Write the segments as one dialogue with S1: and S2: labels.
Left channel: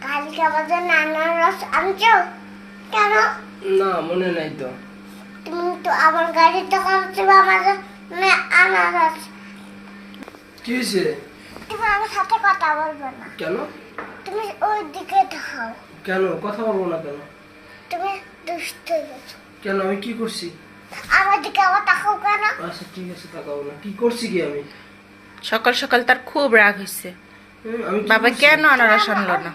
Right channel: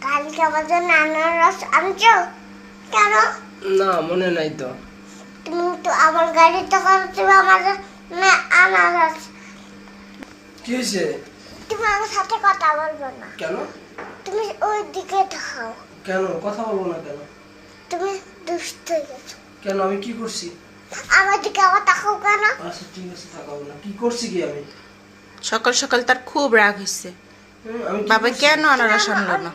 S1: কালকে আমাদের আনারস আনছো? কেন?
S2: না মনে নাই তো।
S1: তুমি তো আমার গাড়িতে করছ আমাদের না আনারস।
S2: কি হয়েছে?
S1: তুমি আমার সাথে কথা বলবে না।
S2: কেন?
S1: তুমি ওই দিকে থাও।
S2: কেন? কথা বলব না কেন?
S1: তুমি দুষ্ট হয়ে গেছো।
S2: কেন? আমি কি করছি?
S1: আমার দিকে আবার তাকাও কেন?
S2: আচ্ছা ঠিক আছে তাকাবো না। কি করছি কি আমি?
S3: সকাল সকাল তার খুব রাগ হয়েছে বাবা কেন আনারস আনলো না?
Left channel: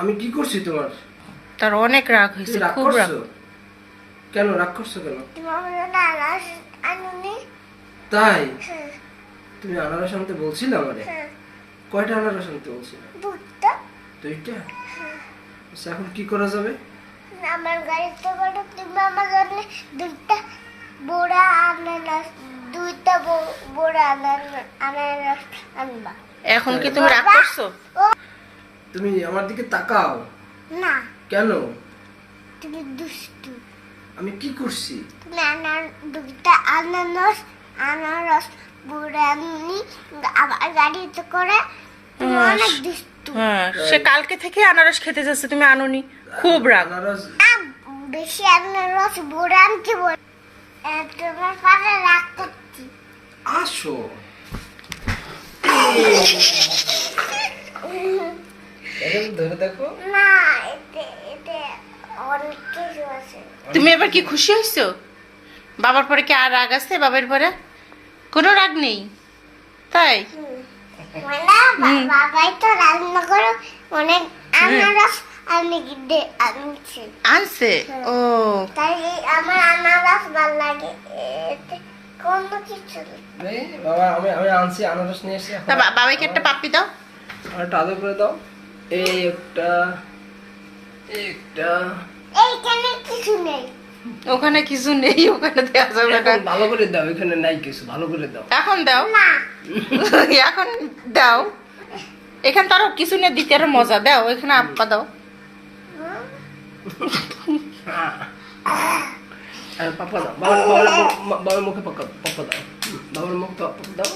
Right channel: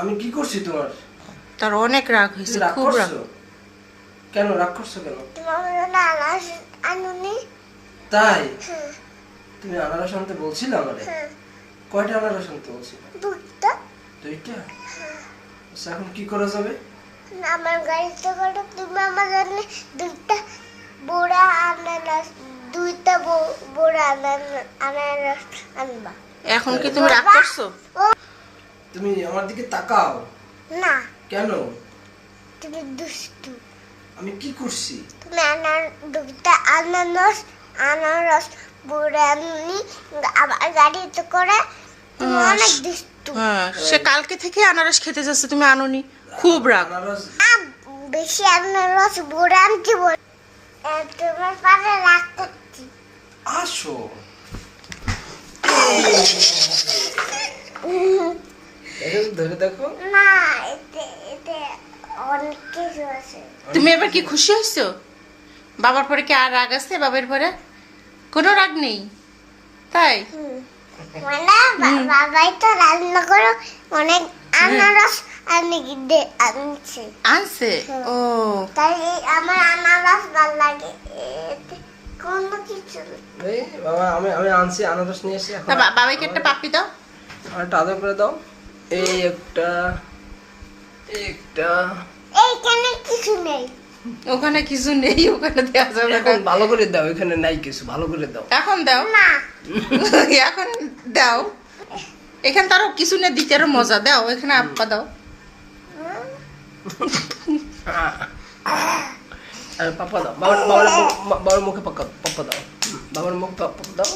S2: আমি কি করছি তোমার?
S3: তার অনেক রাগ হয়েছে খুব রাগ।
S2: কেন রাগ করছ কেন? তাই?
S1: হ্যাঁ।
S2: তুমি আনারস আনতে বলছিলে আমারে?
S1: হ্যাঁ।
S2: কয়টা আনারস আনতে বলছিলে? দুইটা। আচ্ছা এখন কি করা যাবে?
S1: আমার গাড়িতে করে তুমি আমার জন্য দুইটা বড়া আনারস। দুইটা বড়া আনারস আনবা।
S3: এখন কি তুমি রাগ করছ?
S2: তুমি আমার দিকে তাকাও।
S1: না।
S2: কেন?
S1: তুমি দুষ্টু।
S2: আমি কি করছি?
S1: তুমি আনার দুইটা আনারস আনারস বড়া আনি আমার গাড়িতে করে। অনেক দুষ্টু।
S3: হ্যাঁ সে কালকে থেকে আনারস খেতে যাচ্ছে তুমি আনোনি। খুব রাগ।
S2: আনারস
S1: বেশি আনারস বড়া আনছি বল তোমার পাশে রাগ করছি।
S2: আসো। দেখো, ধরে দেখো।
S1: না
S3: তুমি এবার কি খুশি হয়েছো বাবার পরে কি আর রাগ আছে? বাবার পরে? কোনো রাগ নেই। তাই?
S1: মানে বাবাই তো রান্না করে অনেক আনারস আনি দে আনছে।
S3: আনছে? ও।
S1: তাই আমার আনারস ভালো লাগে। কোনো কিছু
S2: এই বাবা আমি আমি আনছি আনারস নিয়ে এসে
S3: তা একটা পাপ্পি দাও।
S2: আর একটা আদর করে দাও। এই একটা একটা।
S1: এইখানে কিছু নেই।
S3: ওখানে কিছু নেই ওখানে দেওয়া যাবে না।
S2: ভালো করে দাও এখানে নাই কিছু ভালো করে দাও।
S3: এখন দাও।
S1: না।
S3: এখন দাও। এখানে তারও কিছু নেই দিতে আরও মজা। দাও এখানে আপ্পা দাও।
S2: আর পাপা দাও বাবার বাবার বাবার মুখে পাকা পাপা দাও হুম, বাবার মুখ পাপা দাও